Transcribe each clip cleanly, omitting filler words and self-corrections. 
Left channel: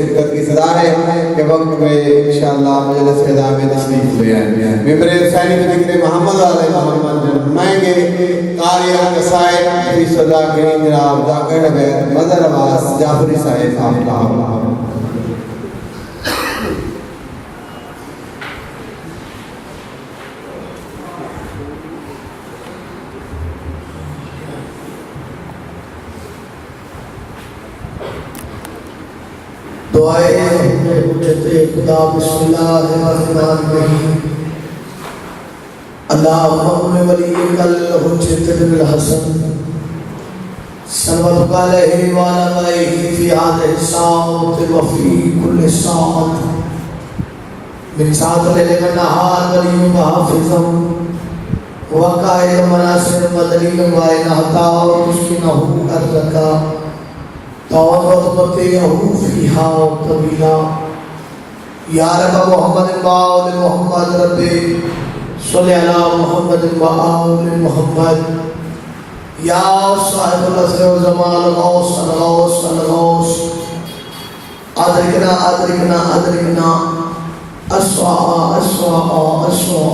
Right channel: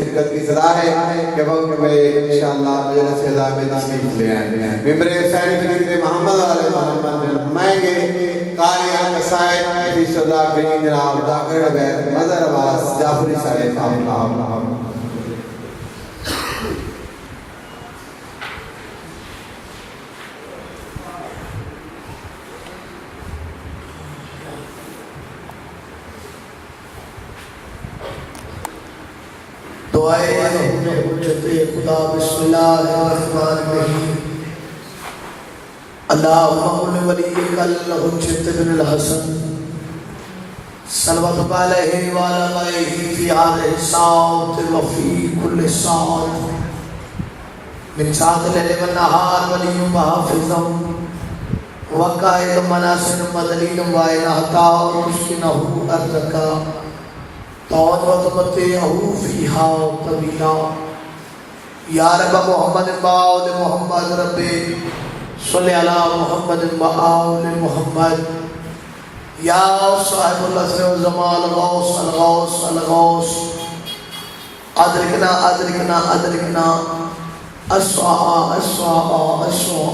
शिद्दत की सलाह है कि वक्त में इंशाअल्लाह मजलिस ख़िज़ा में तशरीफ ले आए। मिंबर रसानी में ज़िक्र मोहम्मद आले मोहम्मद फरमाएंगे कारी कसायद फी सदा कहीं जनाब ज़ाकिर बैत मदर आवाज़ जाफरी साहिब साहब खुदा बिस्मिल्लाहिर्रहमानिर्रहीम अल्लाहुम्मा वलिय्यिकल हुज्जतुल हसन सल्लल्लाहु अलैहि व आलिहि फी हादिहि साअत व फी कुल्लि साअत मिन साअतिल लैल व नहार वलिय्युम हाफिज़ुम व काइद मनासिर मदलीन व इनहता व मुस्किनहु अरदका या रब मोहम्मद बाउल मोहम्मद रब्बे सल्ली अला मोहम्मद बाउल मोहम्मद या साहिबुल असर व जमाल गौस गौस गौस अदरिकना अदरिकना अदरिकना अस्वा अस्वा अस्वा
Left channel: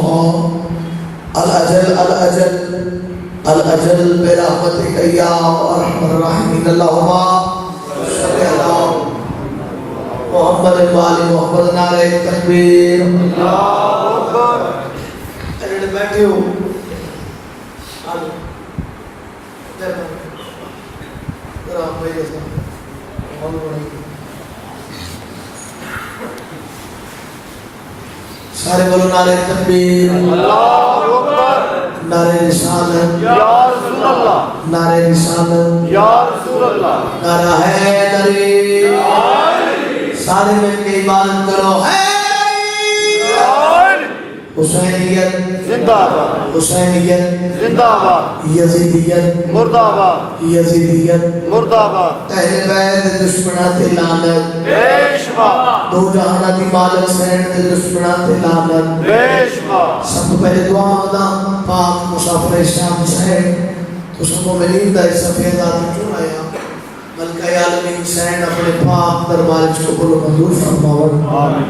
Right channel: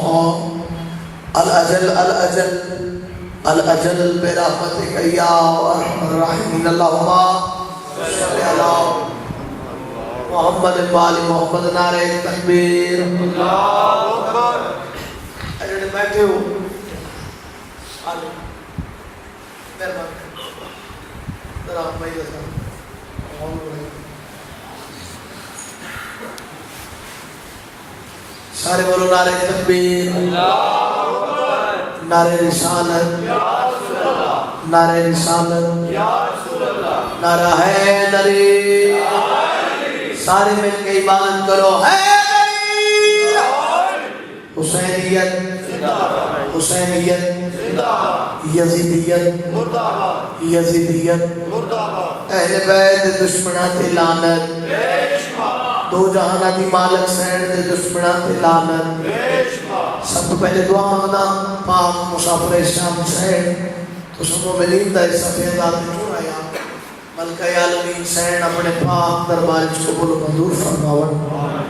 अल अजल अल अजल अल अजल बिरहमतिक या अरहमर राहिमीन अल्लाहुम्मा मोहम्मद वाली मोहम्मद नारे तकबीर अल्लाहु अकबर। अरे बैठे हो आलो जरा भाई सारे बोलो नारे तकबीर अल्लाहु अकबर। नारे रिसालत या रसूल अल्लाह नारे रिसालत या रसूल अल्लाह नारा है नरी सारे मिलके ईमान करो है हुसैनियत जिंदाबाद हुसैनियत जिंदाबाद यजीदियत मुर्दाबाद यजीदियत मुर्दाबाद अहले बैत दुश्मना ते लानत बेशुमा दो जहाना दी मालक सैन ते दुश्मना ते लानत बेशुमा। सब पहले दुआ होना पाक मुसाफिर शाम सैन तो सबको मिलीदा सफेद आदमी क्यों आया मलका आलमीन हुसैन अपने पाक दरबार को कबूल मंजूर फरमावन आमीन।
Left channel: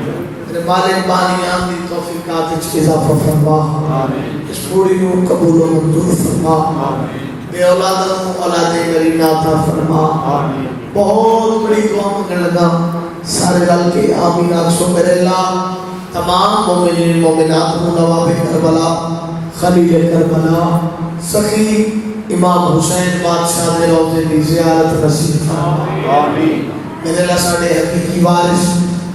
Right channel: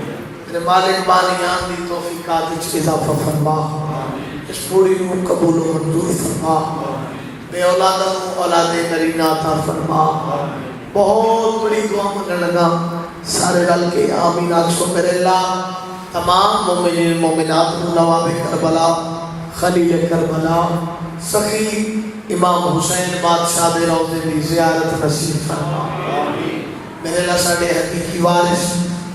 मेरे मालिक बानियां दी तौफीकात में इजाफा फरमा आमीन। इस पूरी नूर कबूल मंजूर फरमा आमीन। बे औलाद को औलाद करीना अता फरमा आमीन। बहुत बड़ी दुआ करने लगा सारे दल के आमीन आखो मेरे अल्लाह तमाम मोमिनीन मोमिनात नवाबे करबला खलील करबला सखी इमाम हुसैन बादशाह दे रोज़े दी ज़ियारत नसीब फरमा आमीन। मेरे ला साडे हकीकी वारिस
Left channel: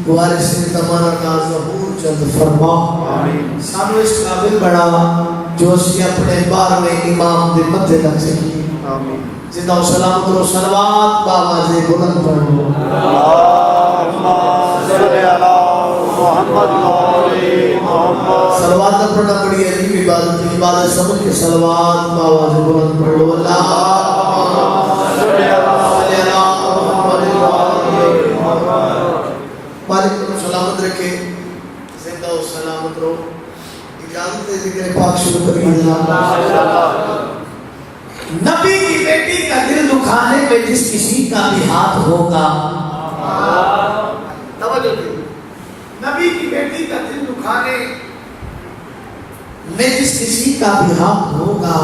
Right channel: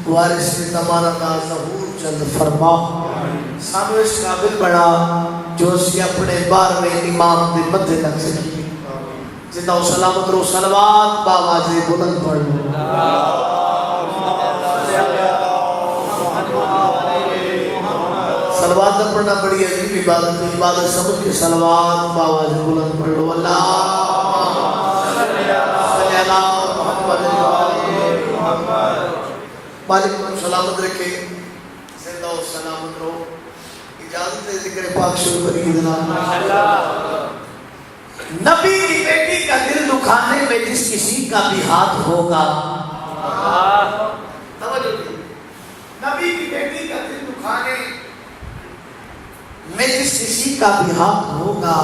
वारिस ने तमाना का ज़हूर जल्द फरमा आमीन। सानू इस काबिल बना जो असी अपने 12वें इमाम दे मथे लग सकी आमीन। जिंदा सलामत रो सलवात बावाज़े बुलंद पढ़ो अल्लाहुम्मा सल्ली अला मुहम्मद व आलि मुहम्मद। सलवात पढ़ना बड़ी अजीब इबादत इबादत समझ के सलवात बावाज़ बुलंद पढ़ो अल्लाहुम्मा सल्ली अला मुहम्मद व आलि मुहम्मद। मालिक को सलामत रखे जिंदा और सलामत रहो। इजाजत है जिक्र पाक शुरू करिए। नबी की बेटी का दिल दुखाने में जिस किसी का भी हाथ होगा तवज्जो दो। नबी की बेटी का दिल दुखाने में जिस किसी का भी हाथ होगा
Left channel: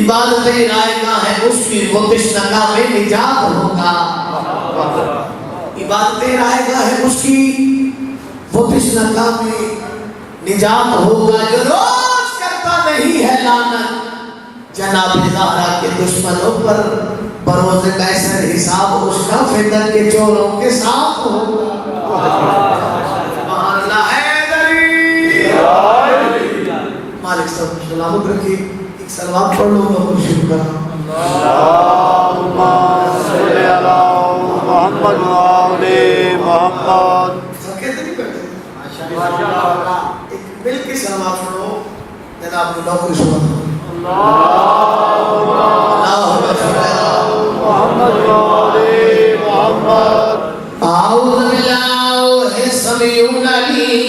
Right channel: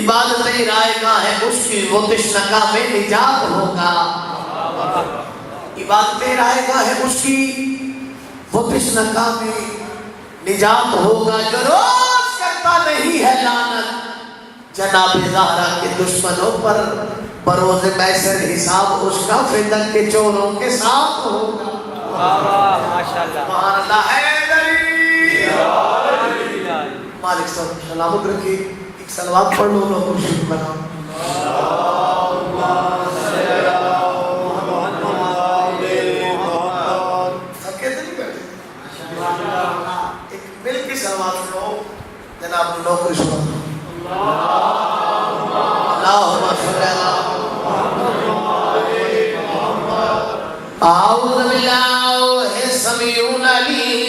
इबादत रायगा है उसकी वो तिश्नगा में निजात होगा। इबादत रायगा है उसकी वो तिश्नगा में निजात होगा। जो रोज करता नहीं है लानत जनाब ज़हरा के दुश्मनों पर बरोज़ महशर हिसाब उसका फितन के चोरों के साथ होगा। सुभान अल्लाह हैदरी मालिक सब सलामत रखिए। एक सलवात पढ़ लो तो शुक्र अल्लाहुम्मा सल्ली अला मुहम्मद व आलि मुहम्मद। थके तो नहीं बैठे माशाअल्लाह। एक मिल के सलवात पढ़ो जनाब नौकरी सुनो अल्लाहुम्मा सल्ली अला मुहम्मद व आलि मुहम्मद। आऊज़ु बिल्लाहि समीउल अलीम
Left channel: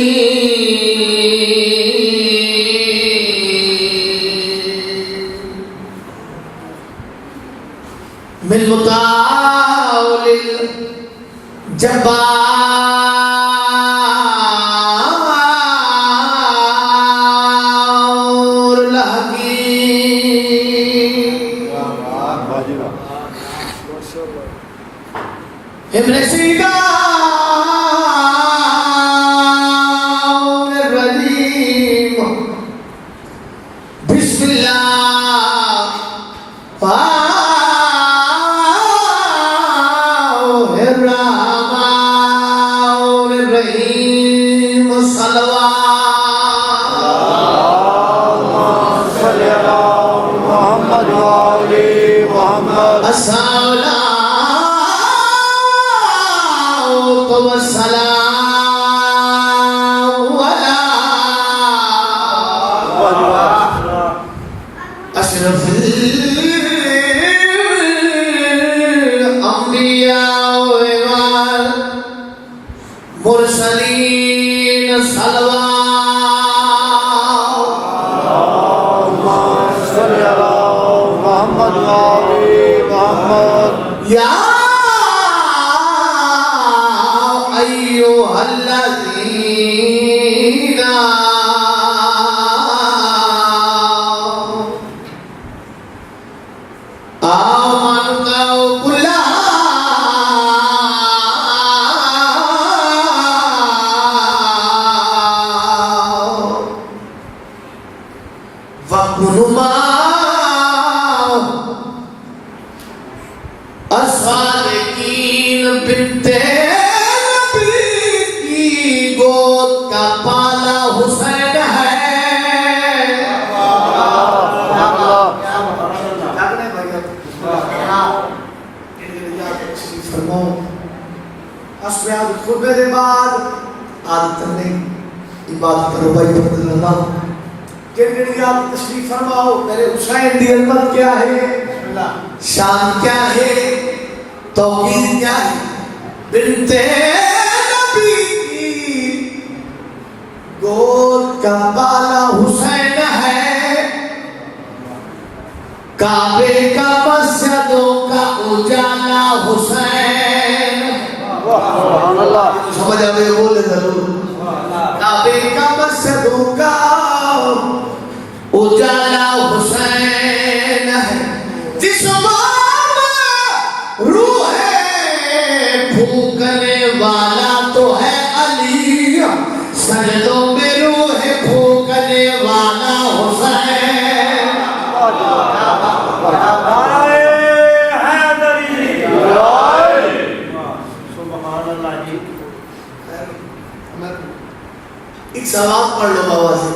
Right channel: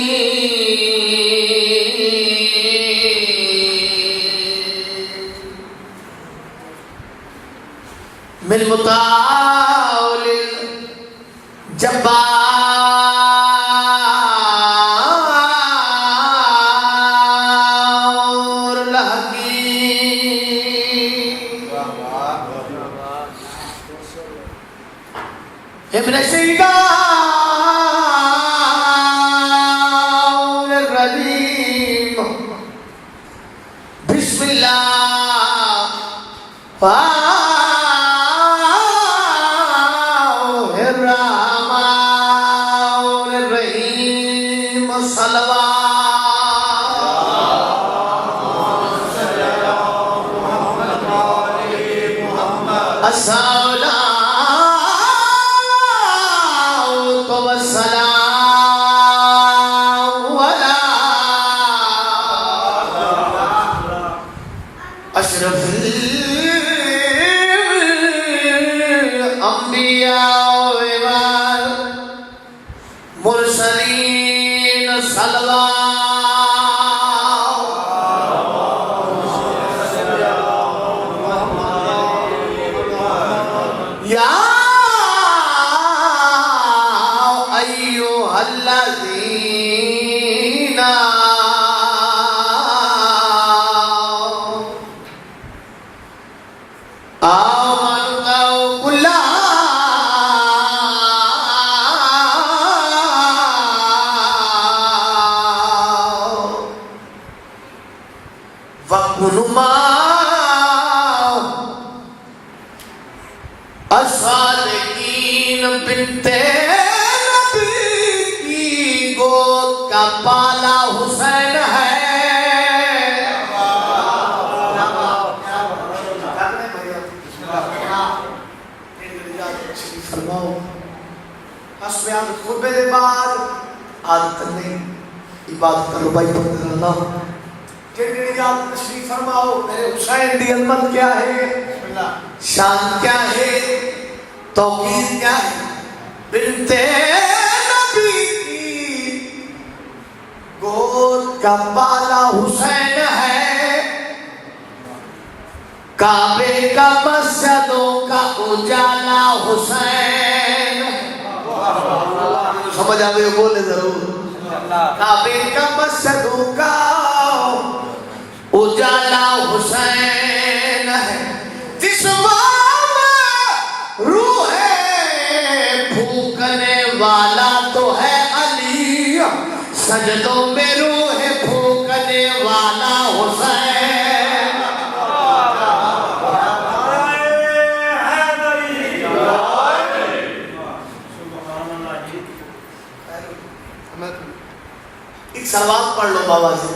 मिन मुतालिल जब्बार हकीम इब्न सीना रजीम बिस्मिल्लाह मुरसलीन सल्लल्लाहु या अय्युहल्लज़ीना आमनु बिल्लाह वकुनुमा असालिकीन बिन्ते नबी की गोद का पाला हुसैन है। के बाद आदत ने इबादत करो भाई अल्लाह के याद तशरीफ फरमाओ। मेरे हुसैन दी अजमत क्या है, शान क्या है, तौकीर क्या है। बिन्ते नबी की गोद का बाला हुसैन है। काबे का मस्जिदों का उजाला हुसैन। समझ आते हो, बोले जरूर। काबे का मस्जिदों का उजाला हुसैन है। जिस्म रूह फूकने वाला तो है अली, सजदों में रूह फूकने वाला हुसैन। एक सवाल पढ़ लो बाबा जी।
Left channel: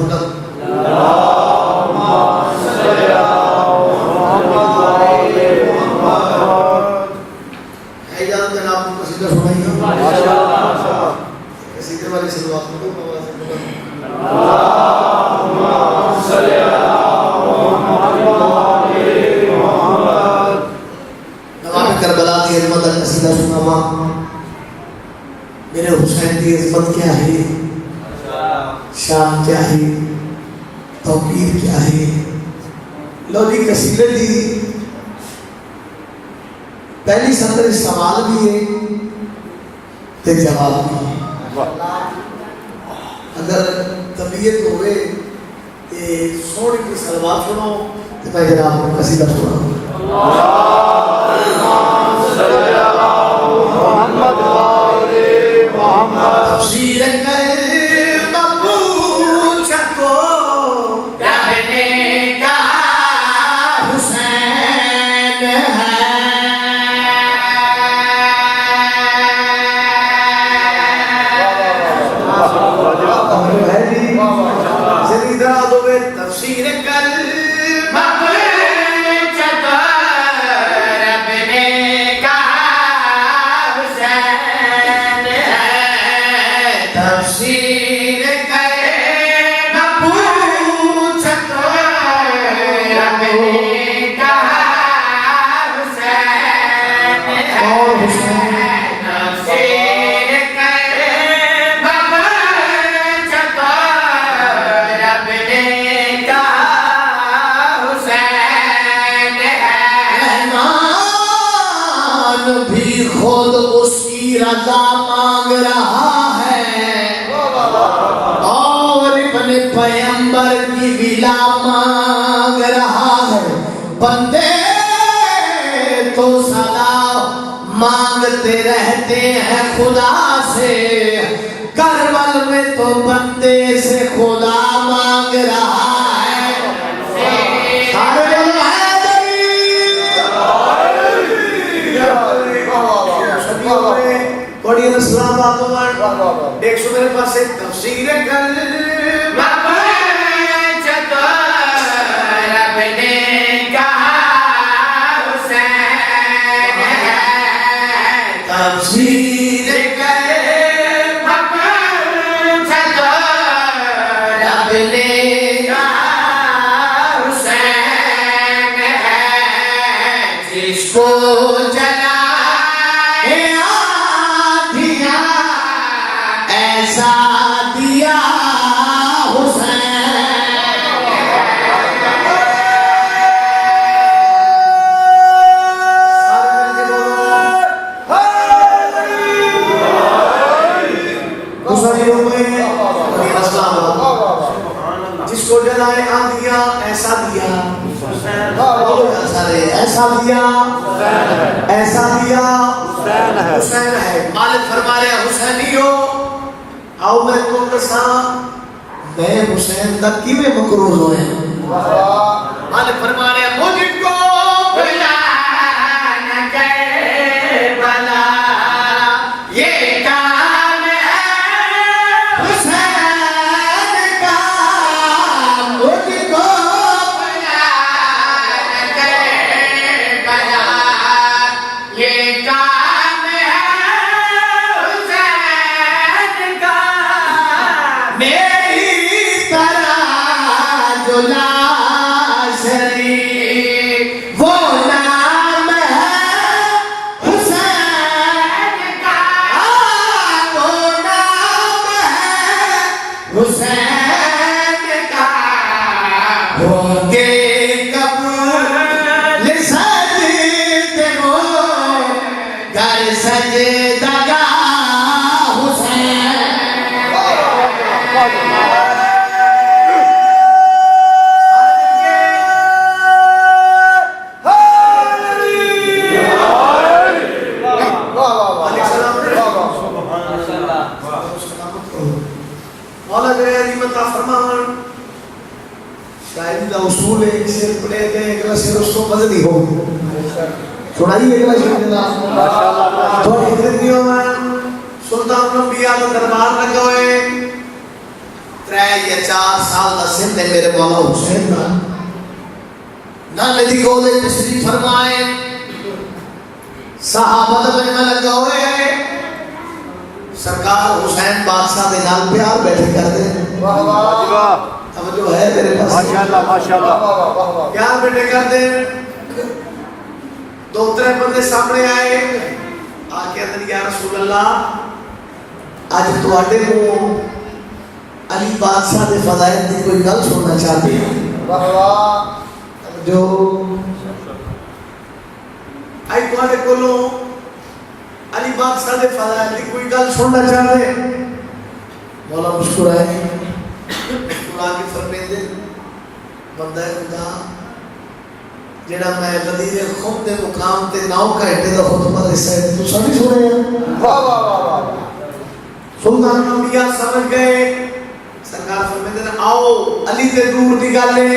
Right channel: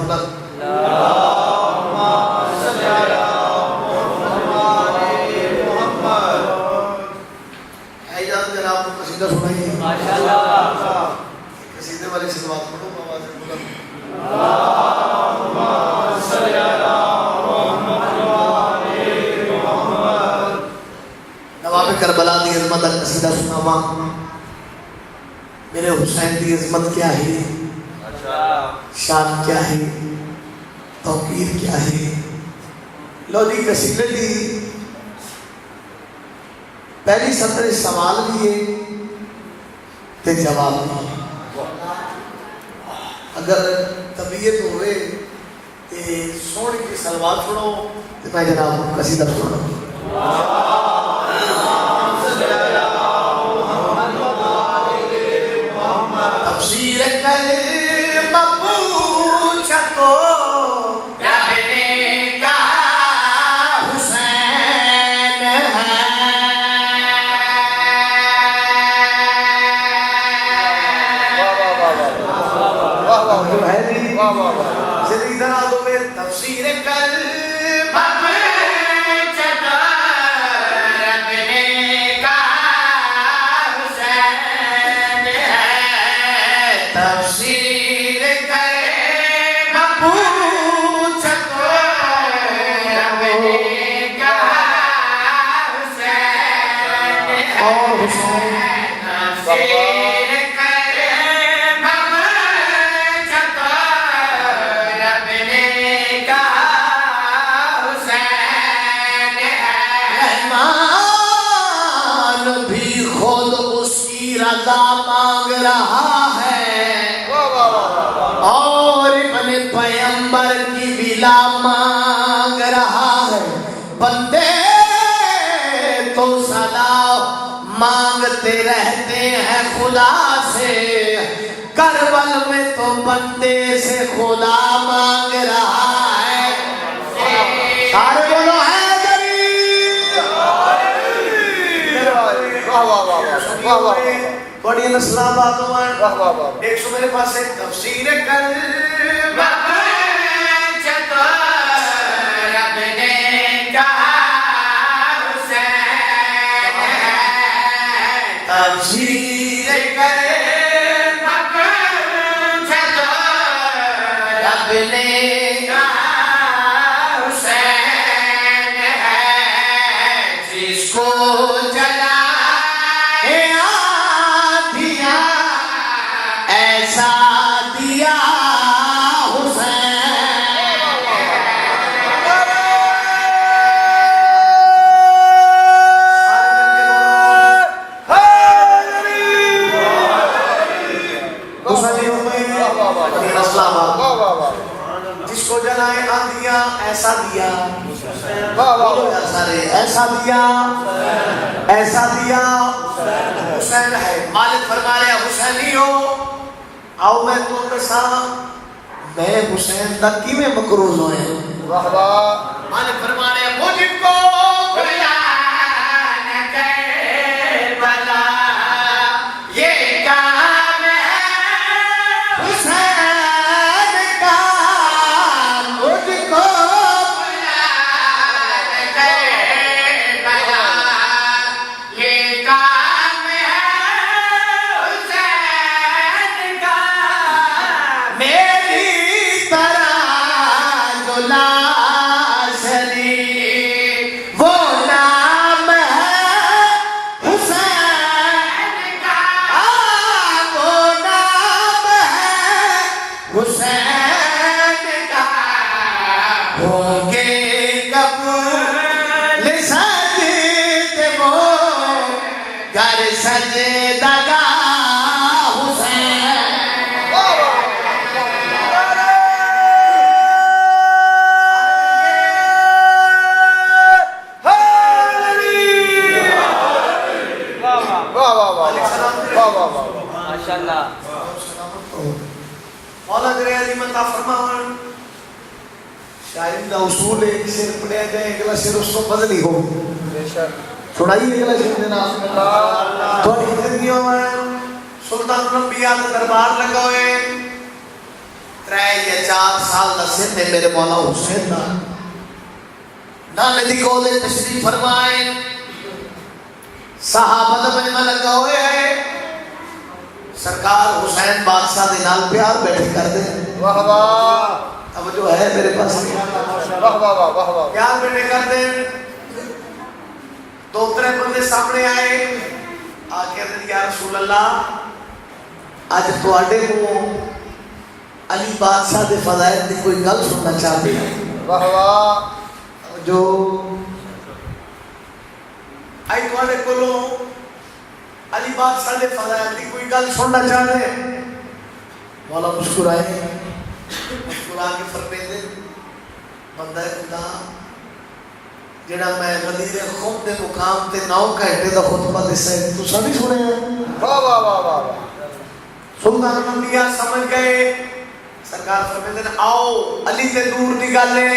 करबला की अजमत कसीदा सुनावा। मेरे हुसैन की अजमत क्या है, शान क्या है, तौकीर क्या है। लो जी कसीदे जी पहली सत्र सवाल भी है ते जवाब भी। अगर तबीयत होवे कि सोने की सलवार सुनो तो मैं जरा आपको कसीदा सुनाऊं। तफसीर करे मकबूल को रबने का हुसैन है। तफसीर कर रजा मांग रहा है और अपने पैगंबर की विला मांग रहा है। बंदे तो सदा मांगते रहते हैं खुदा से, करबल में तो बंदे से खुदा मांग रहा है। सारे बोलो है बड़ी इस्लाम बातों एक सौ मेरे पास एक तफसीर कर रब ने कहा हुसैन है, तफसीर कर रब ने कहा हुसैन है, जिसको जला ऐसा दिया हुसैन। जिसको जलाए आंधिया ऐसा दिया, ऐसा दिया, ऐसा दिया हुसैन है। मालिक फरमा रहे हुसैनियो आओ मैं तो दसा मैं हुसैन तक की में मकरूज होए। मालिक फरमा रहे मुझको भुला न कर भला ये काम है हुसैन का, मुझको भुला न कर भला ये काम है हुसैन का, मेरी तरह जुला शरीफ वो नाम है हुसैन का, वो नाम है हुसैन का, होंगे कबूल सजदे वो घर सजदगा हुसैन। मौला दरियादी मता फरमावन शायरी का उसूल है कि सिर पड़े जो अगला सिर उसको बदली हो थोड़ाई अगला सिर देना थोड़ी हिंदियों में सुल्तान रबिया का दरबार लगा हुए 3 या 4 साल का सिर ने मेरे मौला हुसैन ना नाले दी कोले तशरीफ फरमाए सहाबा में लगा हुए सरकार हुसैन बादशाह के नाल प्यार बैठे कर दे। वाह वाह अब जो है मेरे पास माशाल्लाह माशाल्लाह प्यार बैठे कर दे। 2-3 बंदे सामने आए आके अंदर या रसूल अल्लाह आज तुहाडे को अली बादशाह दे फज़ाइल दी कोई गल सुनना चाहते हैं। वाह वाह अब जो आई तुहाडे कोलों अली बादशाह दे फज़ाइल दी कोई गल सुनना चाहते। मौला मुस्कुराए मुस्कुरा के फरमाते बंदा खुदा जेड़ा मैं गदीर खुद दे मुकाम ते 9 घंटे दा खुतबा लिसा है तू सभी सुने। वाह वाह वाह वाह सुल्तान अंबिया समझ गए। सरकार फरमाते आओ अली ते दूर दी गल है ए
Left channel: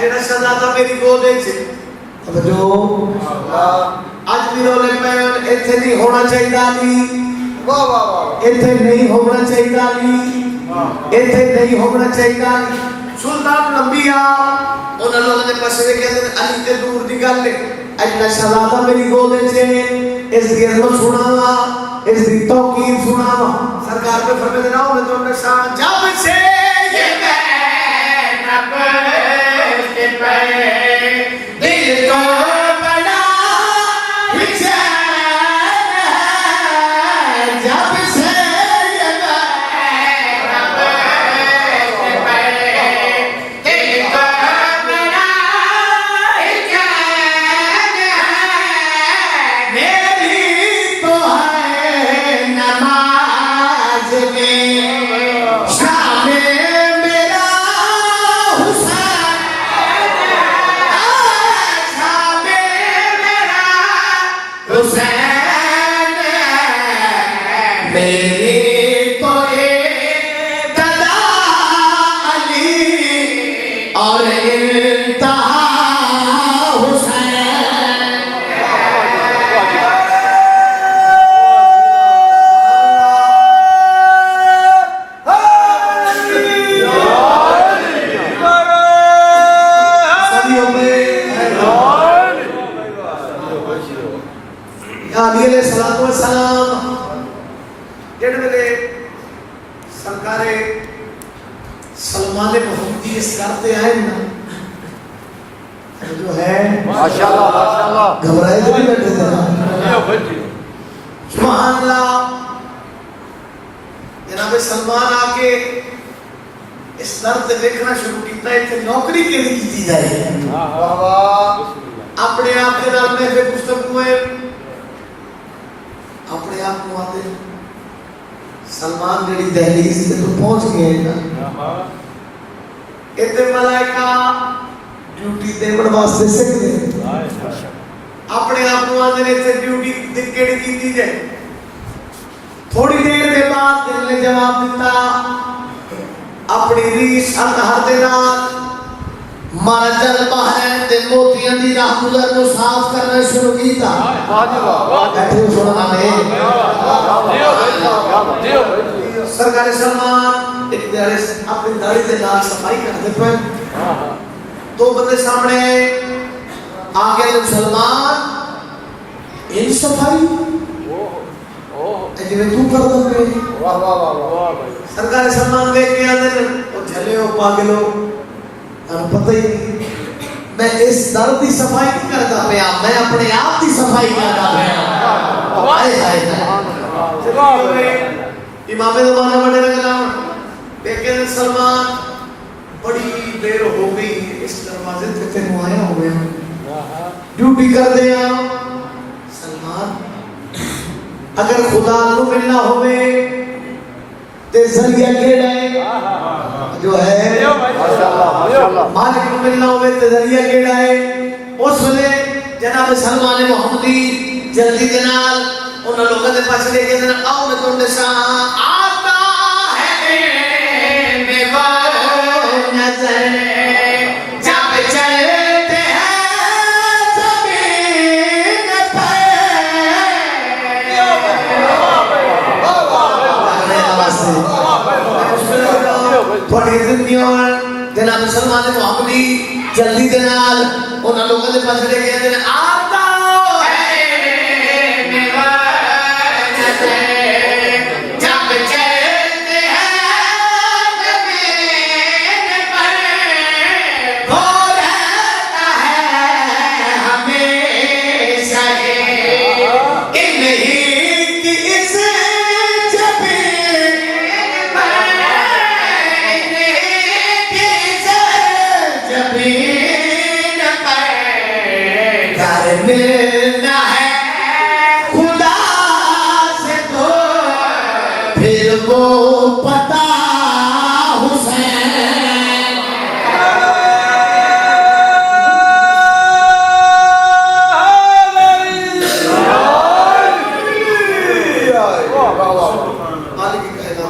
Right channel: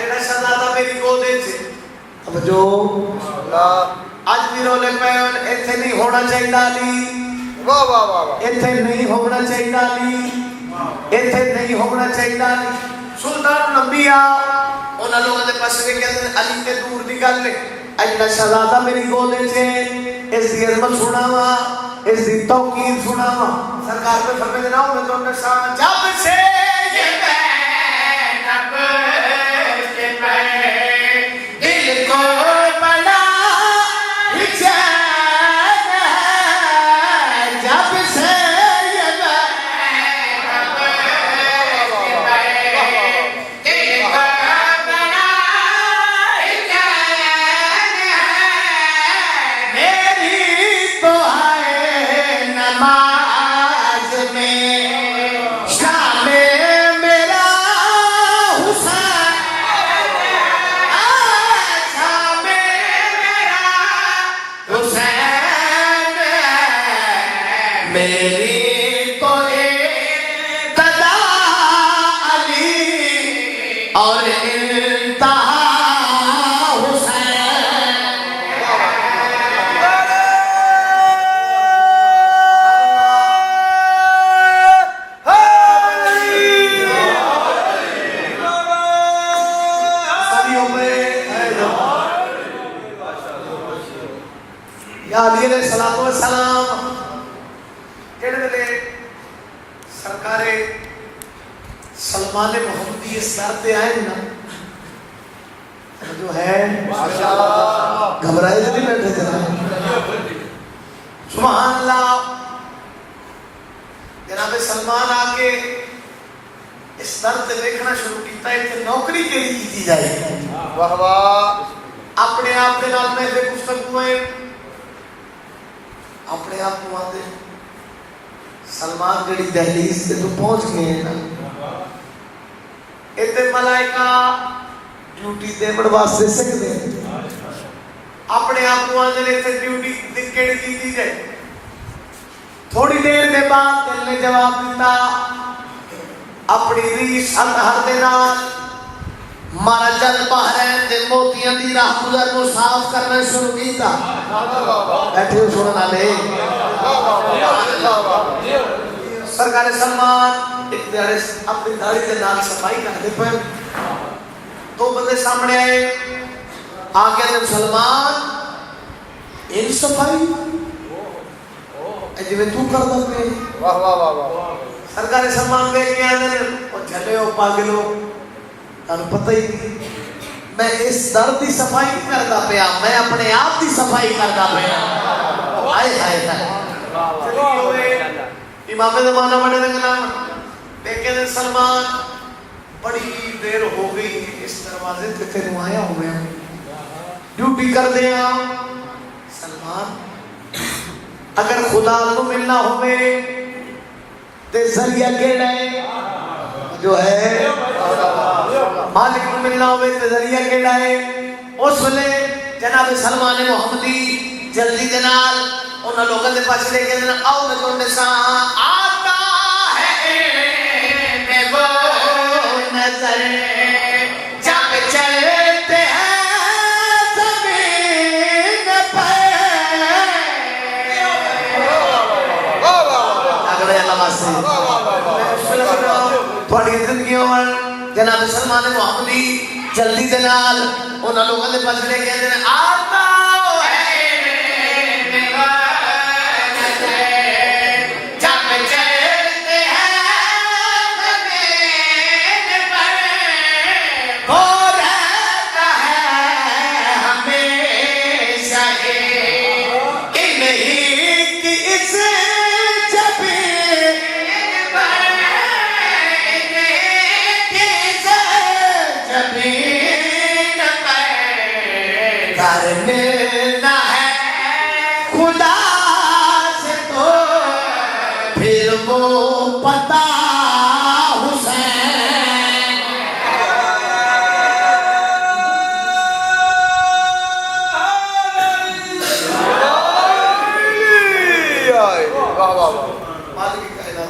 जेड़ा शहजादा मेरी गोद च अब जो आज भी रोले पे इथे नहीं होना चाहिए अली। वाह वाह वाह इथे नहीं होना चाहिए अली, इथे नहीं होना चाहिए अली। सुल्तान अंबिया उन लोगों ने पास वे कहते हैं अली ते दूर दी गल है अजला शहजादा मेरी गोद च इस दी अजमत सुनावा इस दी तौकीर सुनावा। सरकार पे फरमाते ना उन्हें तो निशान जब से ये मैं नब्ज के पे दिल को तो है मेरी तो एक अदा अली और इंतहा हुसैन। सदियों में या अली अलैहिस्सलातु वस्सलाम जेड़े वेले सरकारे सलमान मोहम्मदी इस्लाम पे आए ना, जो है माशाअल्लाह घबराए तो नहीं बैठे थे ना। सुभान अल्लाह। जनाब सलमान आके इस दर से देखना शुरू किया इतने नौकरी के लिए की जाए। अपने आप के नाम में से पुस्तक हुए अपने आप को आते सलमान गड़ी दहलीज से तो पहुंच गए ना। इतने मलाइका ड्यूटी देवड़ वास्ते सकते अपने आप को आते ने ड्यूटी केड़ी की जाए। थोड़ी देर के बाद दिल ने जवाब दिता अपनी रीस हर दे नाल मारा जलवा है ते मोतियां दी राह गुजर को साफ करना शुरू किया। बैठे सुनना में सरकार सलमान एक दिन अपनी दाढ़ी के नाल सफाई करते पे दो बंदे सामने आए। आगे ने सलमान इन सफाई जिवें तू कर दे। वाह वाह वाह। सरकार सलमान कह के आंदे ओ झले ओ पागलो तन पता ही नहीं मैं इस दर की सफाई नहीं करता पाया, मैं अपने आप की सफाई करता पाया। हाय हाय चलिए इमाम ज़माना बड़े नाम लेकिन सलमान बड़ी देर हो गई इस दरवाजे पे तेरे आया हो गया ड्यूटी कर दे। सलमान अगर खुदा को मिलना होवे ते जरिया केड़ा है जो है मालिक को मिलना होवे ते जरिया केड़ा है। उस वेले जनाब सलमान मोहम्मदी जल्दी के नाल उन लोगों के पास लेके आओ मैं तुम सा आता है मैं वो नजर जब चलते हैं जमीन पे। थोड़ी जिंदगी जनाब सलमान मोहम्मदी जल्दी के नाल उन लोगों के पास लेके आता मिलना है खुदा से तो फिर वो पता हुसैन। मालिक की कहना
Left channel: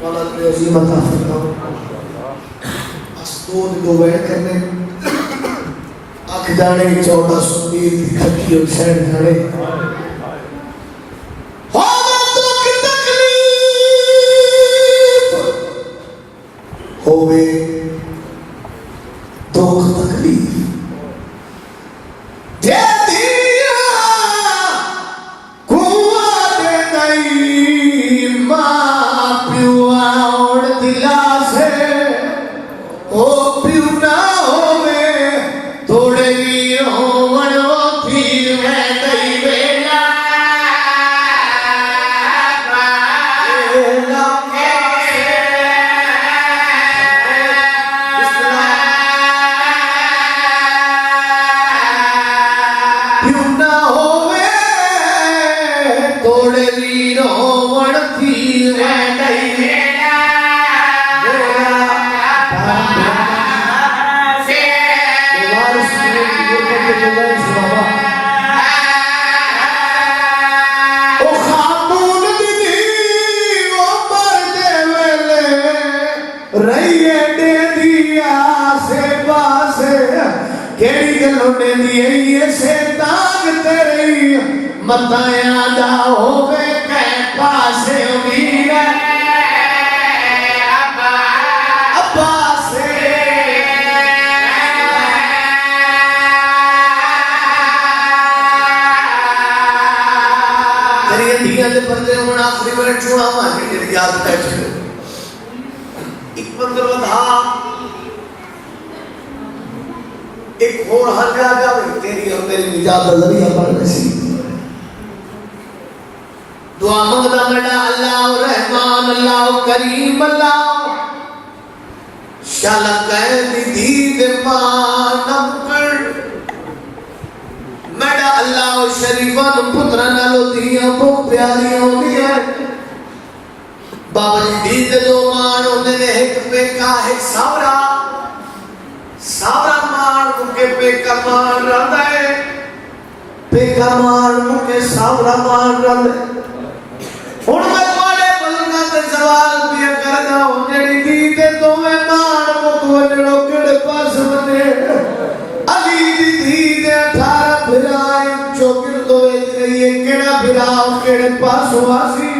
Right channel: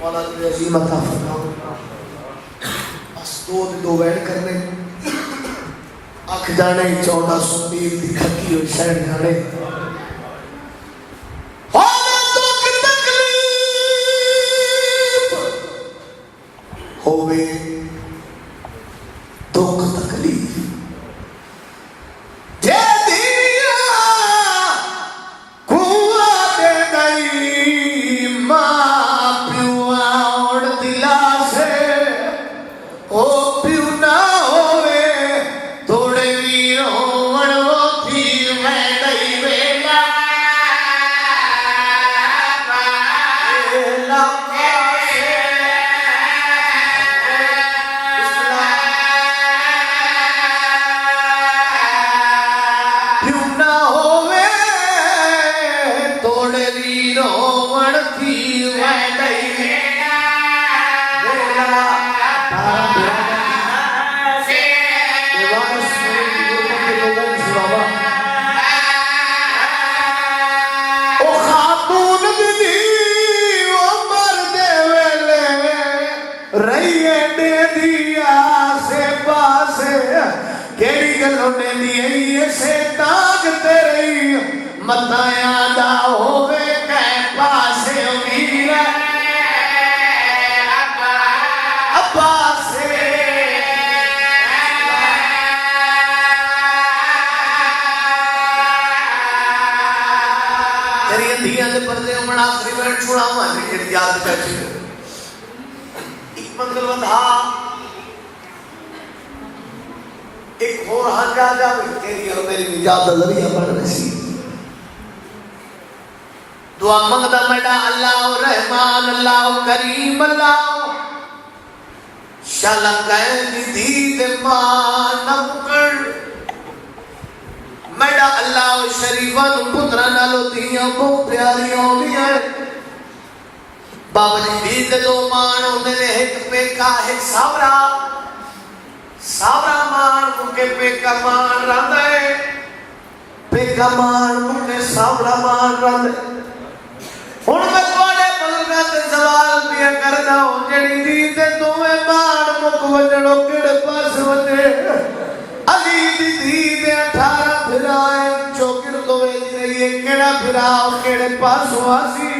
मौला तुझे अजीम अता फरमाओ। बस दो बैठ करने खजाने 1400 की खती और शहर धड़े होवे दुख तकलीफ दे दिया कुआ दे गई मां प्युआ और दिला से ओ प्यू ना होवे थोड़े भी होवन वो फिर मैं कई वेला क्यों ना होवे थोड़े भी होवन फिर मैं कई वेला रोने दिए से दाग तेरी मताया दा होवे कै पासे उम्मीद अब्बा से तेरी अंधियां दे बंदे हुण आखिरी बैठ छुड़ा मानी जेड़ी याद बैठी एक मंदिर वधा एक और हंगा जावे तेरी और मेरी निजात दा जरिया बन नसीब दुआ मंगदा मेरा अल्लाह रहमान अल्लाह करीम अल्लाह शाला कह दी दे मानम कर मेरा अल्लाह शरीफा पुत्र नालो दियां को प्यारी होगी है बाबा जी दे दो मान मेरे एक पेका एक सावरा सावरा मान मुके पेका मान रंदा है पेका मान मुके सावरा मान रंदा हुण मैं तुम्हारे बलगा ते सवाल पिया करदा हो जेड़ी दी ते तुम्हें मान मुक वजड़ो केड़े पास वने अली दी दी दे 18 फिराए चौकिर तो वेच रही है केड़ा फिराओ केड़े पास वासी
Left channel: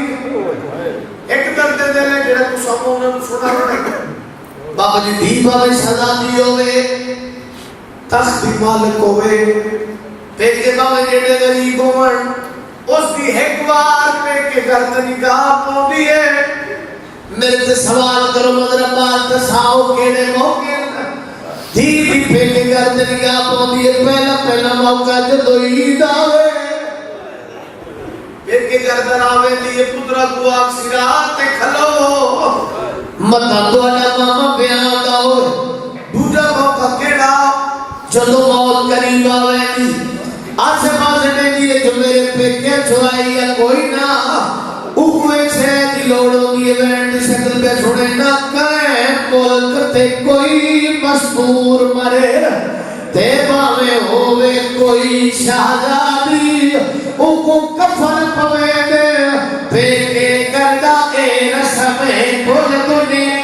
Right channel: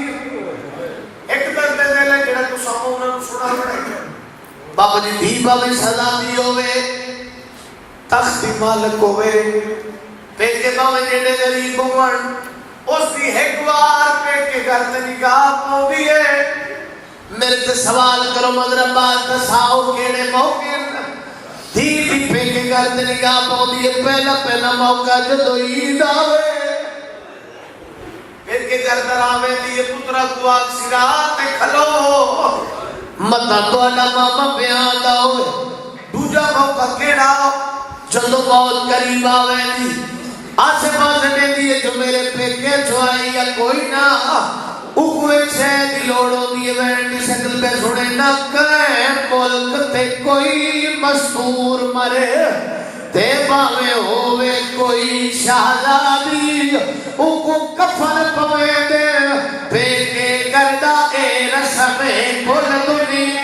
एक दर्द दे ले जेड़ा तू सब उन्हां नु सुना पड़ेगा बाबा जी दी बाबे सदा दी होवे तख्त दी मालिक होवे पेके बाबे जेड़े गरीब होवन उसकी एक बार पेके घर ते निगाह पौंदी है मेरे से सवाल करो मगर बात दसाओ केड़े मौके दी दी पेके घर ते निगाह पौंदी है पहला मौका जदों ईद आवे पेके घर दरावे दी पुत्रा को आख सिरात ते खलो मता तोड़ा मामा बयान दा हो दूजा मौका केड़ा जदों मौत करीब आवे दी आसे पासे ने दिए जो मेरे पेके छुआई या कोई ना उकवे से दी लोड़ होगी वैन दी शकल पे सुने ना कहे मुल्क ते कोई मशहूर मरे ते भावे होवे कोई शहजादी उको कफन पवे दे पेके करदा ए रस्म कुल दुनिया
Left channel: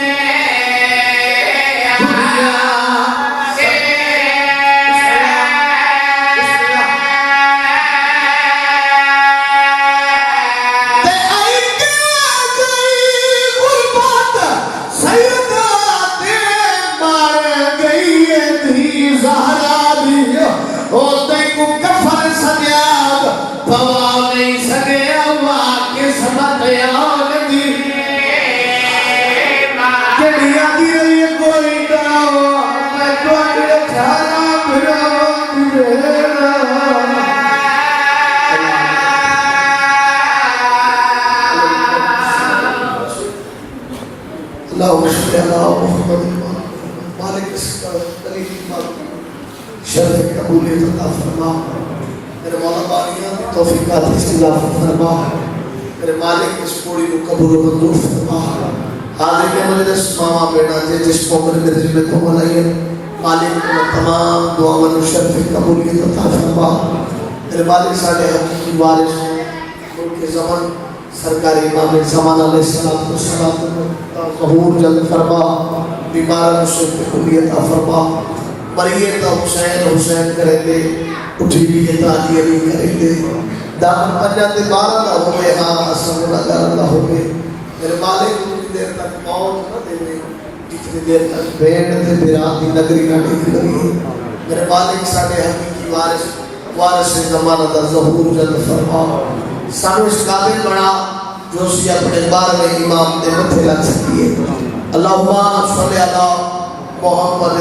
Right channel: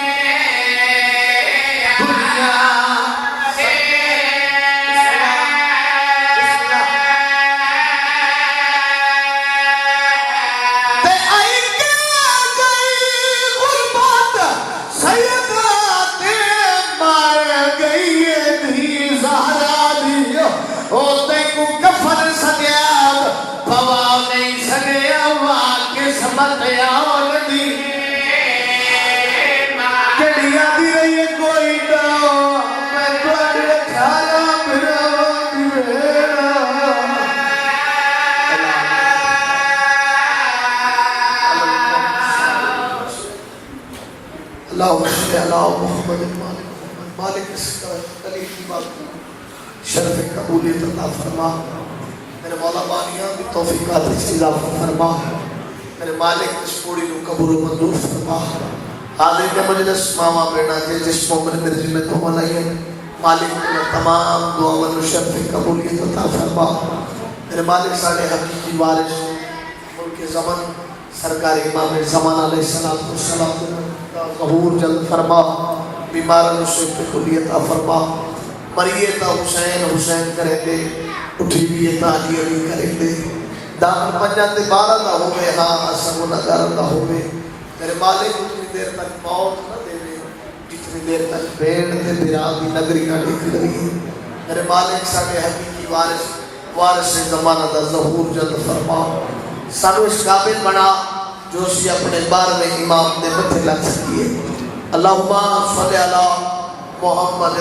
मेरे मौला बानिया तौफीकात इस्लाम फरमा मेरे मालिक इस पूरी को कबूल मंजूर फरमा हाजिर के मुझे मामा बेटा थे जिस मोमिन के दिल में कबूल आई मालिक को तमाम दुआओं और शर्फ कबूलियत अता फरमा मेरे मालिक साडे हकीकी वारिस मुल्क ज़मान सरकारी इमाम ज़मान अलैहिस्सलाम को सलात ज़हूर जल्द फरमा बीमारों से कबूलियत अता फरमा मरिए तो हुसैन करेंगे उठी भी ताजी अली करेंगे दान पंजा ते 12 दा होवे हां असमुला दा होवे मेरे मालिक उतनी देर तक मौत न देवे जितनी देर तक भेड़ ते बिराम दी नगरी ना टिक लगी मेरे मालिक साडे हकीकी वारिस ज़माना दा ज़हूर जल्द फरमा सानू इस काबिल बना जो सी अपने 12वें इमाम दे मथे लग सकिए अल्लाहुम्मा सल्ली अला मुहम्मद